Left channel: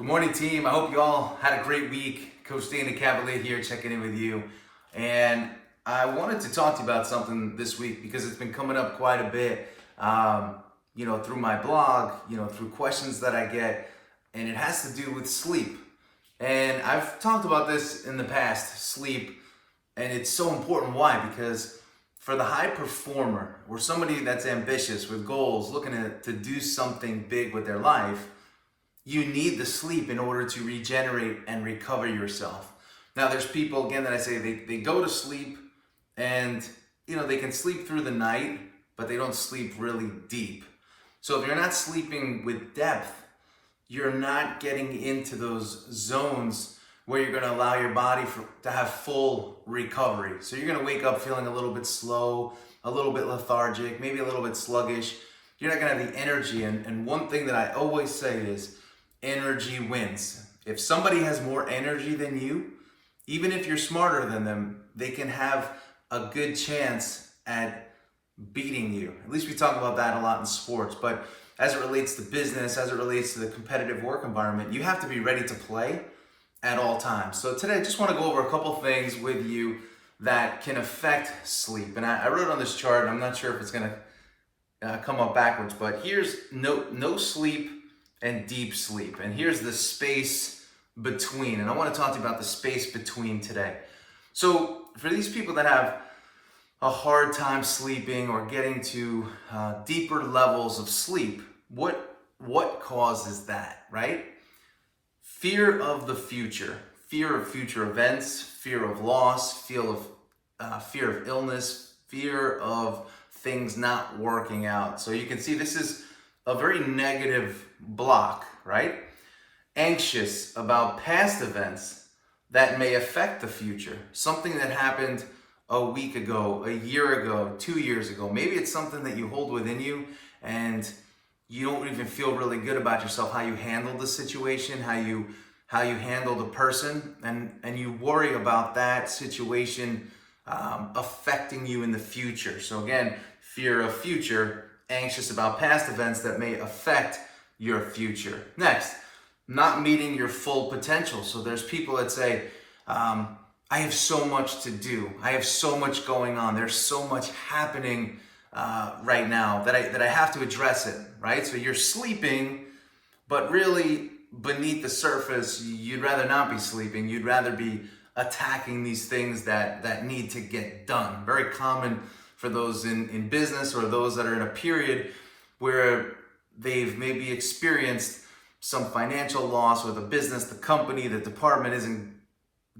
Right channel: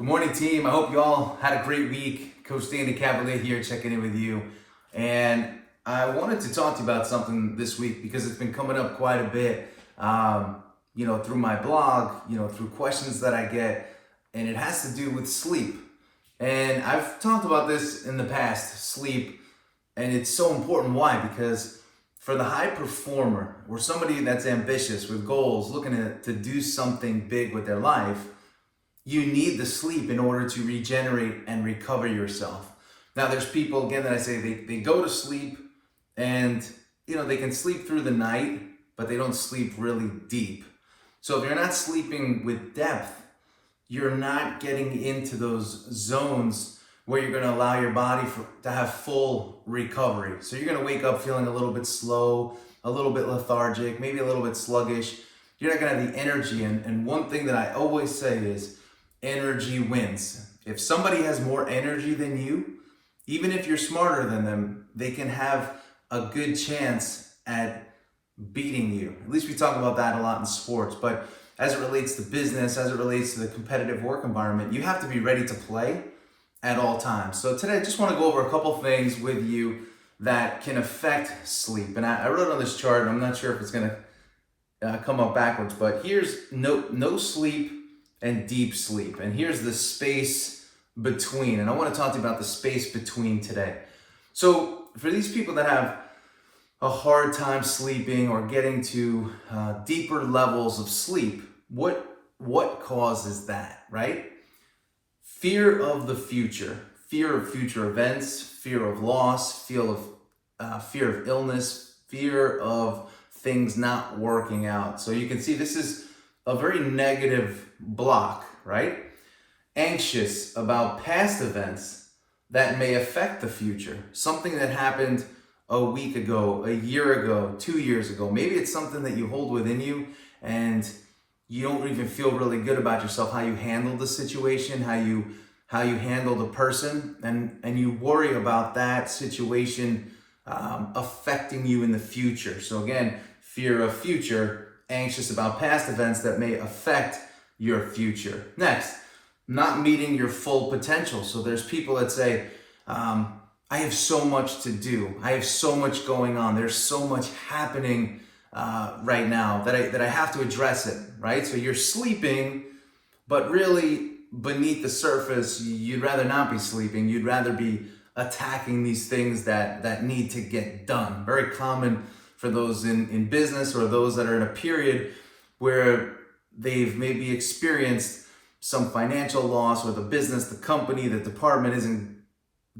Good morning, team. I hope you all had a great week. Coach Dana Cavalea here, checking in with you. And I wanted to talk to you about something this week because it's been coming up quite a bit, through my blog, through questions that I get, and it has to do with sleep. And I've talked about this in the past, sleep, and it's so important. Why? Because for the high performer or somebody that's ambitious with goals, looking to do something big with their life, you need the sleep in order to regenerate and recover yourself. Now, there's people, again, that I say they go to sleep and, they can sleep through the night, but they don't sleep really deep. So if you're not sleeping with depth, you're not getting into those zones where you're going to allow your body to have full recovery. So you're going to wake up feeling a little bit slow, a little bit lethargic, maybe a little bit sluggish. You're not going to have the energy. And one thing that I always say is, energy wins. If somebody has more energy than you, even if you're smarter than them, they can have a good chance at beating you. At least we talk about that a lot in sports, but as it relates to business, as it relates to the competitive work environment, you have to be ready to play at all times. So today I just want to go over a couple things with you that can affect sleep. And I wrote on this chart, and I'm not sure if it's going to come up backwards, but here's no sleep and deep sleep. And here's the space between. And I want to talk to you about the space between today. So for these people that have a hard time sleeping or getting to deeper levels of sleep, what causes that, right? Fear of the future, fear of future events, fear of loss, fear of illness, fear of things not working out. So you can see this is a very negative block, right? Anxious about past events that may affect the future. Something that happened a week ago, a year ago, 2 years ago. Maybe it's something that you hold within you and you don't even feel really good about yourself, how you handled the situation, how you handled a person, and you worry about that situation affecting you in the future. So again, fear of future, anxious about past events that may affect your future. Next, not meeting your full potential. So there's people that say, I have so much to do. I have so much going on. There's so much happening right now that I have to address it, right? So you're sleeping, but really beneath the surface, you'd rather not be sleeping. You'd rather be attacking these things that need to get done. Very common for those in business or those that are in a period where they've maybe experienced some financial loss, or the business, the company, the department isn't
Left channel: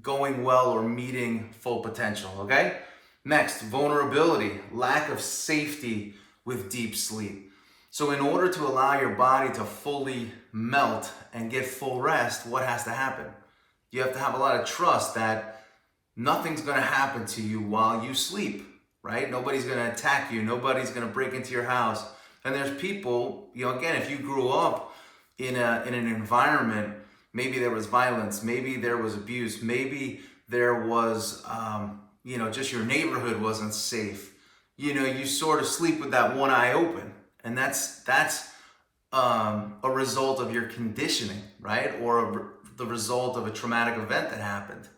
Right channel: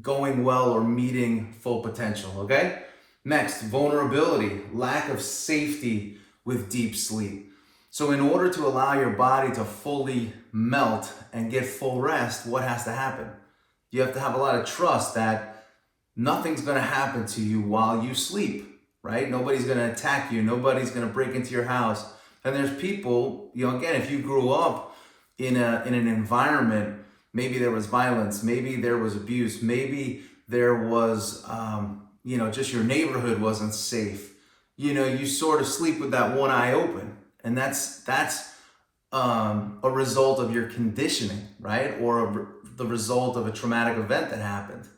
going well or meeting full potential, okay? Next, vulnerability, lack of safety with deep sleep. So in order to allow your body to fully melt and get full rest, what has to happen? You have to have a lot of trust that nothing's gonna happen to you while you sleep, right? Nobody's gonna attack you. Nobody's gonna break into your house. And there's people, again, if you grew up in an environment, maybe there was violence, maybe there was abuse, maybe there was, just your neighborhood wasn't safe. You sort of sleep with that one eye open. And that's a result of your conditioning, right? Or the result of a traumatic event that happened.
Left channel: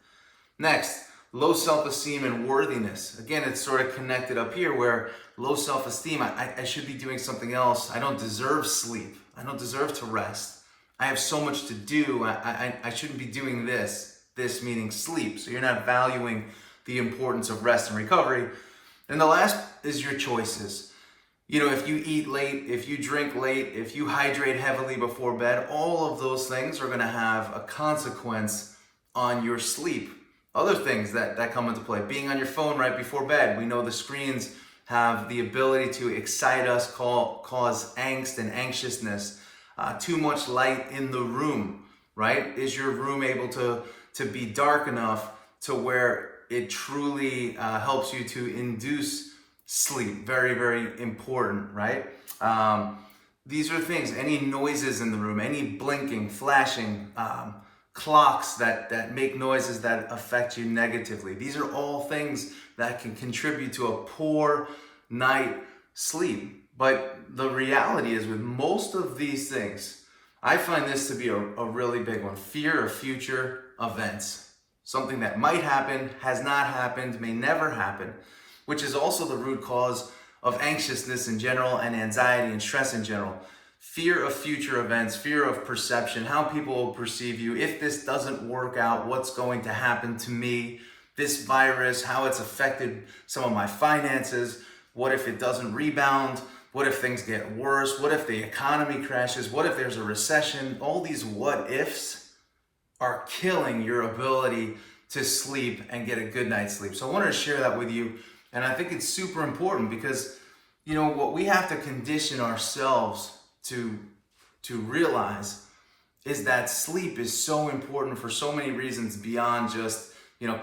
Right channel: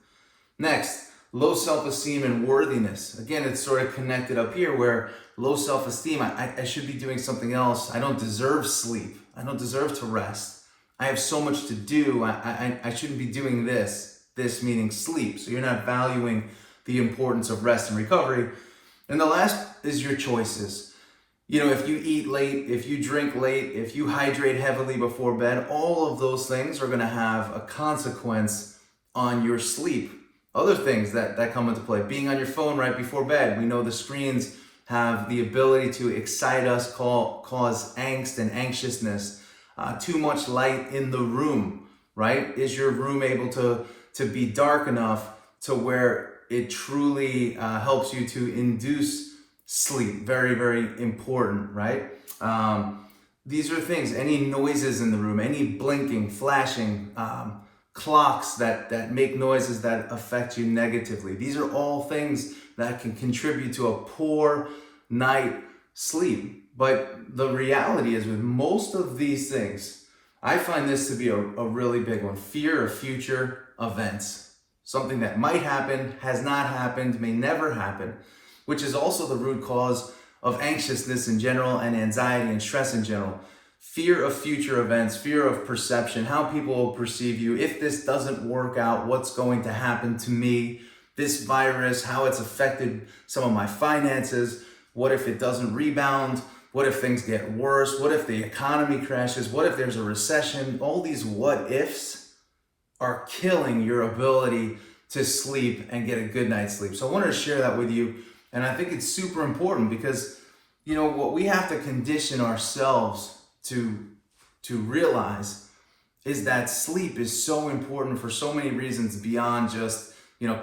Next, low self-esteem and worthiness. Again, it's sort of connected up here where low self-esteem, I should be doing something else. I don't deserve sleep. I don't deserve to rest. I have so much to do. I shouldn't be doing this meaning sleep. So you're not valuing the importance of rest and recovery. And the last is your choices. If you eat late, if you drink late, if you hydrate heavily before bed, all of those things are going to have a consequence on your sleep. Other things that come into play, being on your phone right before bed. We know the screens have the ability to excite us, cause angst and anxiousness. Too much light in the room, right? Is your room able to be dark enough to where it truly helps you to induce sleep? Very, very important, right? These are things, any noises in the room, any blinking, flashing, clocks that make noises that affect you negatively. These are all things that can contribute to a poor night sleep. But the reality is, with most of these things, I find this to be a really big one. Fear of future events. Something that might happen, has not happened, may never happen, which is also the root cause of anxiousness in general and anxiety and stress in general. Fear of future events, fear of perception, how people will perceive you. If this doesn't work out, what's going to happen to me? This virus, how it's affected some of my finances. What if it doesn't rebound? What if things get worse? What if the economy crashes? What if there's a recession? All these what ifs are killing your ability to sleep and get a good night's sleep. So I wanted to share that with you. And I think it's super important because, what we have to condition ourselves to realize is that sleep is so important for so many reasons beyond just,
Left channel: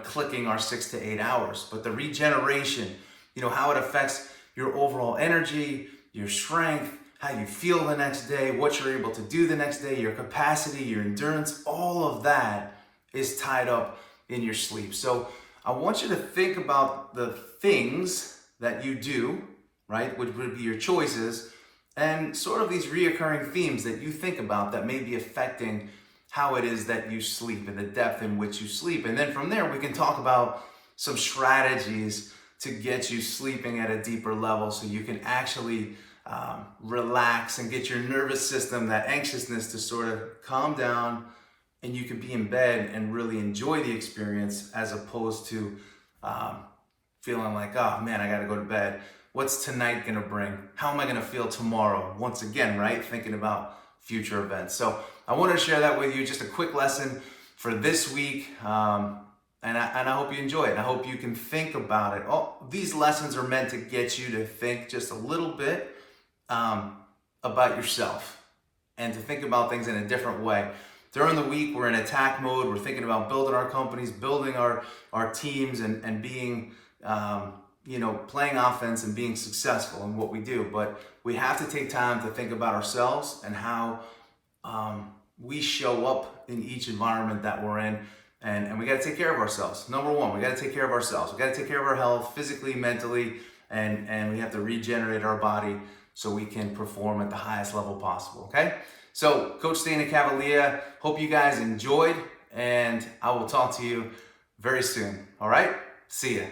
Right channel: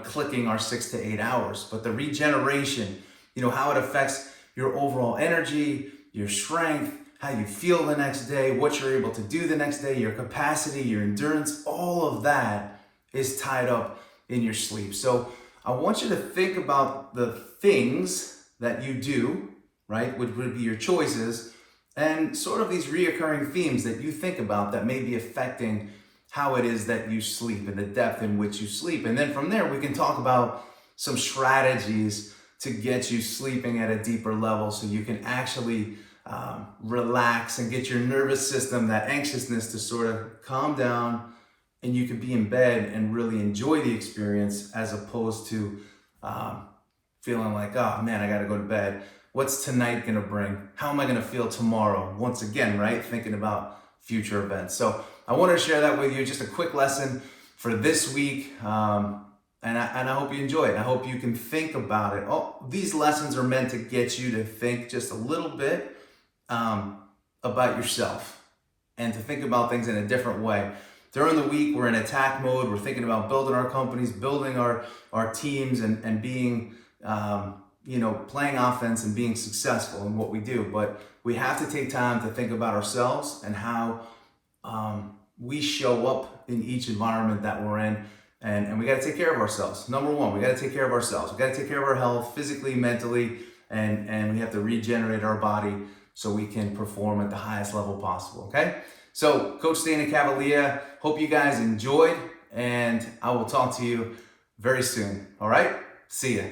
clicking our 6 to 8 hours. But the regeneration, how it affects your overall energy, your strength, how you feel the next day, what you're able to do the next day, your capacity, your endurance, all of that is tied up in your sleep. So I want you to think about the things that you do, right, which would be your choices, and sort of these reoccurring themes that you think about that may be affecting how it is that you sleep and the depth in which you sleep. And then from there, we can talk about some strategies to get you sleeping at a deeper level so you can actually relax and get your nervous system, that anxiousness, to sort of calm down, and you can be in bed and really enjoy the experience as opposed to feeling like, oh man, I gotta go to bed. What's tonight gonna bring? How am I gonna feel tomorrow? Once again, right? Thinking about future events. So I wanted to share that with you, just a quick lesson for this week. And I hope you enjoy it. I hope you can think about it. These lessons are meant to get you to think just a little bit about yourself and to think about things in a different way. During the week, we're in attack mode. We're thinking about building our companies, building our teams, and being, playing offense and being successful in what we do. But we have to take time to think about ourselves and how we show up in each environment that we're in. And we got to take care of ourselves. Number one, we got to take care of ourselves. We got to take care of our health physically, mentally, and we have to regenerate our body so we can perform at the highest level possible, okay? So, Coach Dana Cavalea, hope you guys enjoyed, and I will talk to you very soon, all right? See ya.